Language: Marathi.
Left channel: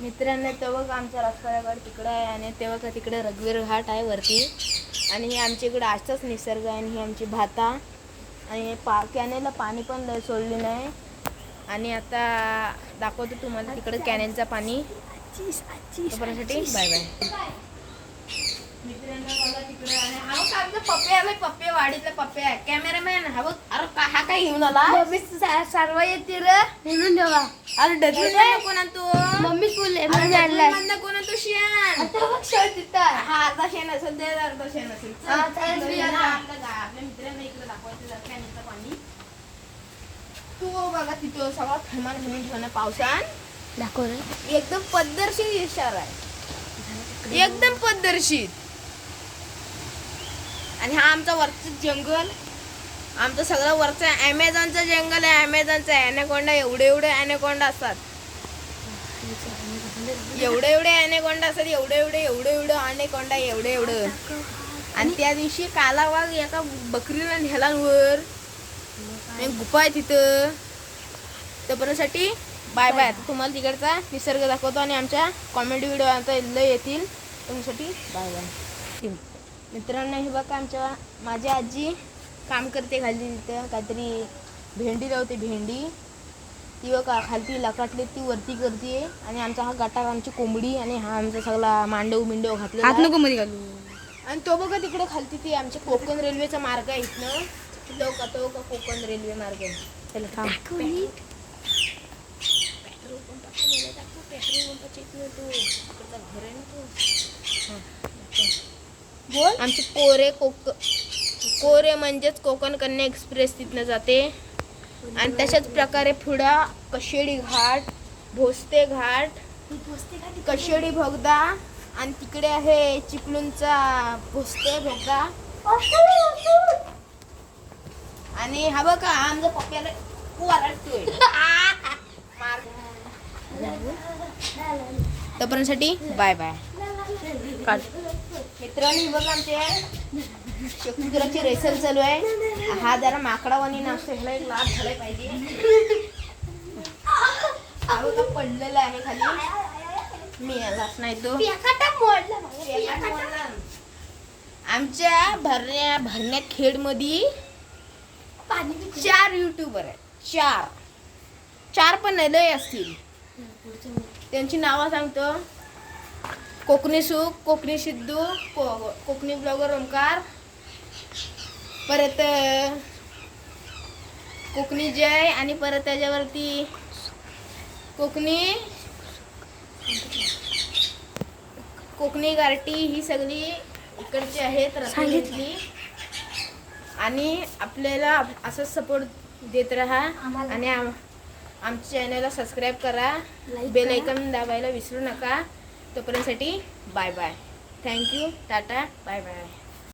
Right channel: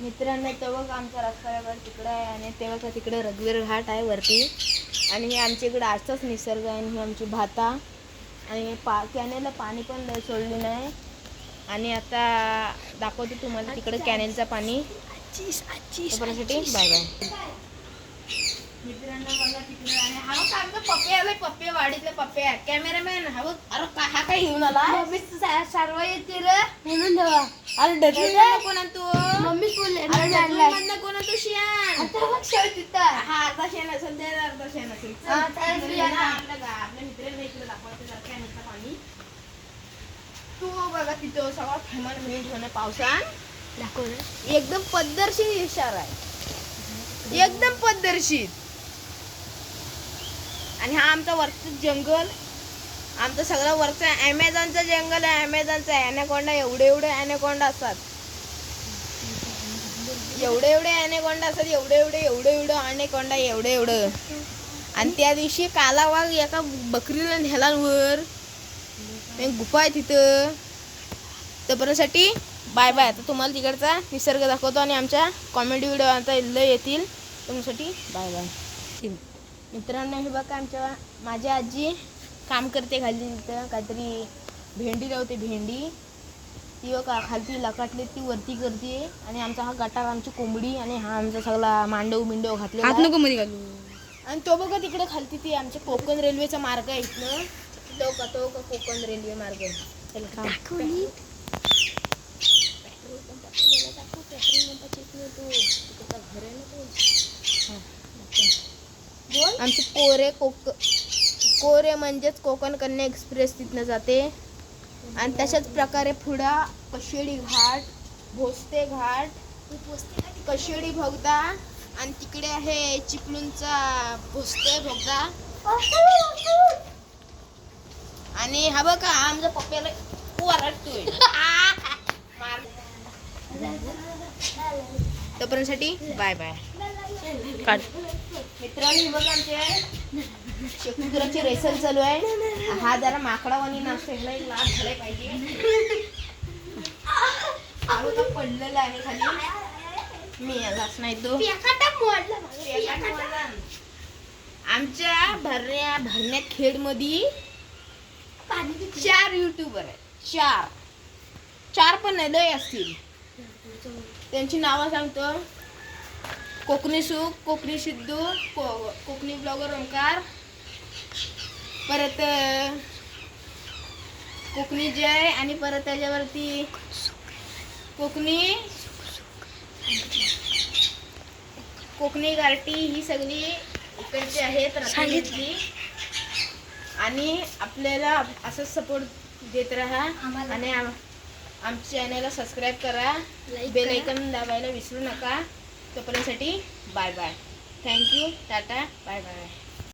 मित्रांनो तेव्हा का आमचा रस्ता तिकडं आहे आणि तेव्हा का तिकडे रघुवीर घाट आहे वरती. आणि हे आमच्या इकडे आजचाच निसर्ग आहे आणि ही आमची भाता. आणि पा कॅनेलला पाणी पण सोडले नाही आणि आता दाखवतो तुम्हाला तिकडं कॅनेलचं पाणी. तोपर्यंतसाठी बाय बाय. मित्रांनो बघा तिकडे आणि हा आमचा पप्पे आलाय पप्पे वाडीतले पप्पे आहे. कॅमेरामॅन हा हा काय घेऊन आला मम्मी सर्व येते रे. म्हणून अरे कोणा तू? मम्मी फुल म्हणून कोणा तू शियान आता बघ शर्ट तिथं. हा अर्धा शेण असेल ते अर्धा शेण असेल. हा. आपल्या मित्रांना इकडे दाखवायचं काय पाणी तू बघा तिथं सगळा थैमान भरून ठेवणं पावसान. दाखव एकदम पद्धतशीर इशारा आहे. एकदम पद्धतशीर. आणि हा आमचा वरचं जंगल. आमचं सगळं वरचं ॲमेझॉनचं जंगल आहे ॲमेझॉनचं ॲनेकोंडा एवढे एवढे ॲनेकोंडा असतात. एवढे एवढे ॲनेकोंडा असतात एवढे एवढे एवढे एवढं ॲनेकोंडा एवढे एवढं. आणि त्या दिवशी कालावाग एका बकरीला नेला वर. आणि गुफा आहे तिथं. तोपर्यंतसाठी बाय बाय. आता तुम्हाला तिकडचा निसर्ग दाखवतो आणि आमच्या कॉमेडी व्हिडिओ आता लय येतील. तुमच्यासाठी बाय बाय. मित्रांनो हे बघा आमच्या माझी आजी. काम करते खाली तिथं काहीतरी भेंडी लावते भेंडी. ती बघा खालती लकाटली ती वरती करते. आणि आमचा हा गटार आमची कोंबडी आणि हा आमचा सगळा मांडव बिंडव घातलेला आहे. नको मध्ये घालू. आणि तो बघा तिकडे खालती ते आमच्या कोकण रेल्वेचा मार्ग आहे इथनं. तो का तो का कोकण रेल्वे मार्ग आहे. चला. आमचे कोरे कोक कोरे म्हणजेच कोकण कन्या एक्सप्रेस तिथनं जाते. आणि तशाच प्रकारे पुढं कशेडी घाट भोसते घाट कशेडी भोगदा आणि तिकडे आहे चिपळूणचा भोसते भोगदा. आणि हा बघा आमच्या पप्प्याला तोपर्यंतसाठी बाय बाय. काढ. मित्रांनी बघ आमचे शेकुद्राची रेसल चालू आहे. हा जरा माकडावानी नसतो ह्याला एक लाभ झाला पाहिजे. हा पडलेला आहे खाली. मी यालाच नाही तो. आमच्या भरण्या भरण्यात खेडमध्ये चार युट्यूबर आहेत. चार. चार पण नाही लय असतील. त्यांची नावं सांगतो. कोकणी सुख कोकणी सिद्धू को कोकणी ब्लॉगर ओंकार परत कोकणी जय आणि परत त्याच्यावरती कोकणी कोकणी गारटी ही सगळी इकडची आहेत रत्नागिरीतली आणि आपल्याला असंच सपोर्ट देत राहा. आणि आम- आमच्या चॅनलला सबस्क्राईब करा बेल. ऐकन दाबायला विसरू नका तोपर्यंतसाठी bye bye. Thank you tata bye bye.